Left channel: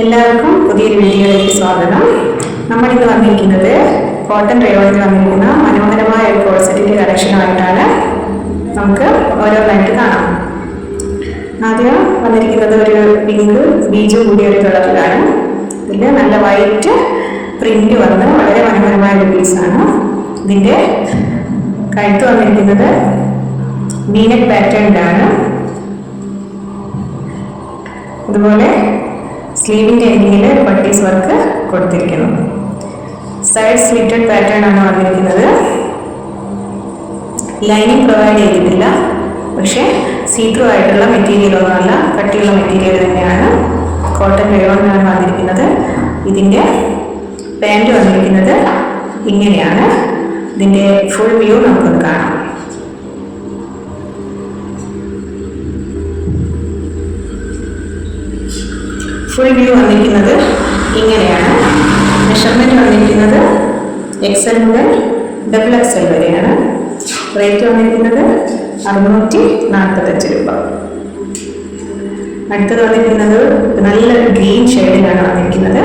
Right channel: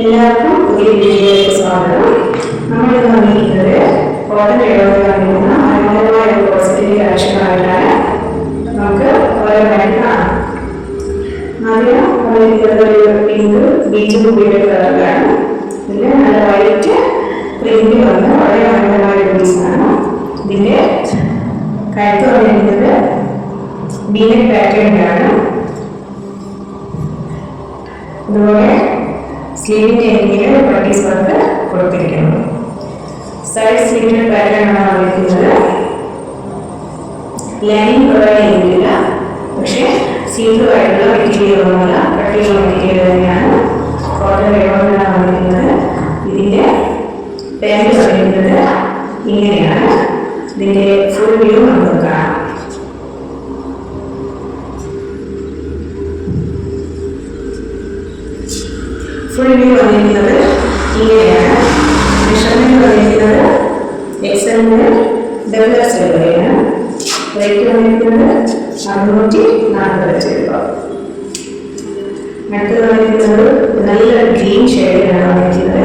എല്ലാവർക്കും പുതിയ വീഡിയോയിലേക്ക് സ്വാഗതം. നമ്മൾ ഇന്ന് വന്നിരിക്കുന്നത് കോട്ടൺ റയോണിൽ വന്നിരിക്കുന്ന മനോഹരമായ ഒരു കോഡ് സെറ്റിന്റെ കളക്ഷനുമായിട്ടാണ്. നമുക്ക് ഓരോന്നായിട്ട് കാണാം. ആദ്യം വന്നിരിക്കുന്നത് ഒരു പിങ്ക് ബീജും കൂടിയ ഒരു കളറിലാണ്. ഇതിൽ നല്ല വൈറ്റ് പ്രിന്റ് വന്ന് വളരെ മനോഹരമായ ഒരു പീസാണ്. ഇതിന്റെ കഴുത്ത് വന്നിരിക്കുന്നത് വീനെക്ക് പാറ്റേണിലാണ്. അതുപോലെ സ്ലീവിൻ്റെ എൻഡിൽ ബട്ടീസ് വർക്ക് കൊടുത്തിരിക്കുന്നു. സൈഡ് സ്ലിറ്റഡ് പാറ്റേൺ ആണ് വന്നിരിക്കുന്നത്. ലൈനിങ് പ്രൊവൈഡ് ചെയ്തിട്ടില്ല, പക്ഷേ സീത്രൂ ആയിട്ടുള്ള മെറ്റീരിയൽ ഒന്നുമല്ല, കട്ടിയുള്ള മെറ്റീരിയൽ തന്നെയാണ്. കോട്ടൺ റയോണിലാണ് വന്നിരിക്കുന്നത്. ഇതിൻ്റെ പാൻറ് വന്നിരിക്കുന്നത് ഇങ്ങനെയാണ്. ഇതിൻ്റെ ഫുൾ വ്യൂ നമുക്കൊന്ന് കാണാം. ഫുൾ വ്യൂ വന്നിരിക്കുന്നത് ഇങ്ങനെയാണ്. മെഷർമെൻറ്റ് വന്നിരിക്കുന്നത് XL മുതൽ XXL വരെയാണ്. റേറ്റ് വന്നിരിക്കുന്നത് 645 രൂപ. അടുത്തത് വന്നിരിക്കുന്നത് നല്ലൊരു ഗ്രീൻ ഷെയ്ഡിലാണ് വന്നിരിക്കുന്നത്.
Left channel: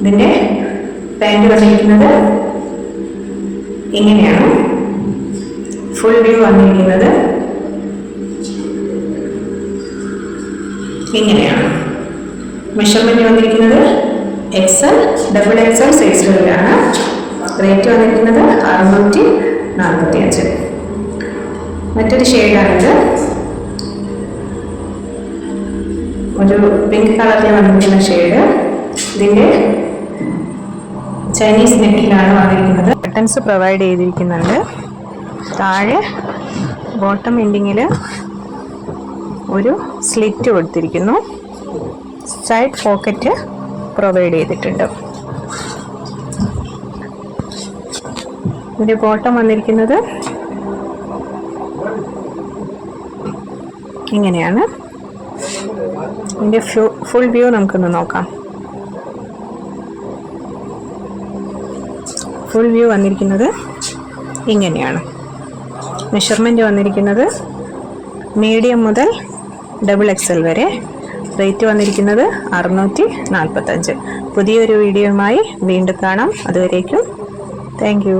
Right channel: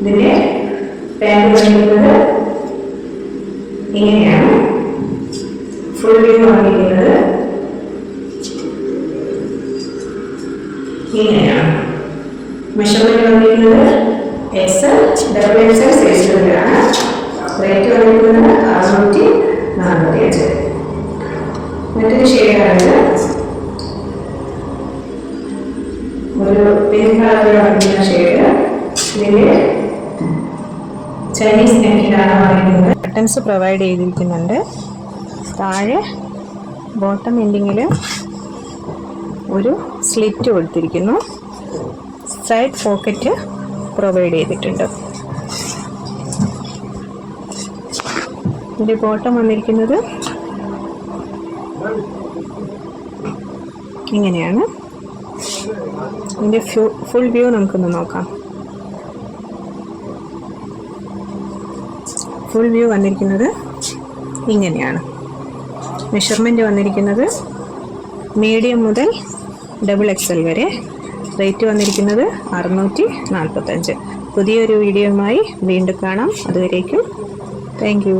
ഇതിൻ്റെ പാൻറ് വന്നിരിക്കുന്നത് ഇങ്ങനെയാണ്. ഫുൾ വ്യൂ വന്നിരിക്കുന്നത് ഇങ്ങനെയാണ്. മെഷർമെൻറ്റ് വന്നിരിക്കുന്നത് XL XXL സൈസുകളിലാണ്. റേറ്റ് വന്നിരിക്കുന്നത് 645. മറ്റൊരു ഷെയ്ഡാണിത്. ഒരു പിങ്ക് കളറിൽ വന്നിരിക്കുന്ന ഷെയ്ഡ്. ഇതിൻ്റെ ചൈനീസ് നെക്കിലാണ് വന്നിരിക്കുന്നത്. ബട്ടൺസ് പ്രൊവൈഡ് ചെയ്തിരിക്കുന്നുണ്ട്. താഴെ ബോട്ടം എൻഡിങ്ങിൽ ഒരു സ്ലിറ്റ് കൊടുത്തിരിക്കുന്നു. സൈഡ് പോക്കറ്റ് പ്രൊവൈഡ് ചെയ്തിട്ടുണ്ട്. ഇതിൻ്റെ ബോട്ടം വന്നിരിക്കുന്നത് ഇങ്ങനെയാണ്. ഇതിൻ്റെ ഫുൾ വ്യൂ നമുക്കൊന്ന് നോക്കാം. ഫുൾ വ്യൂ വന്നിരിക്കുന്നത് ഇങ്ങനെയാണ്. മെഷർമെൻറ്റ് വന്നിരിക്കുന്നത് മീഡിയം മുതൽ XXL വരെ. റേറ്റ് വന്നിരിക്കുന്നത് 645. പുതിയൊരു വീഡിയോയുമായി വീണ്ടും കാണാം. അതുവരേക്കും താങ്ക് യു.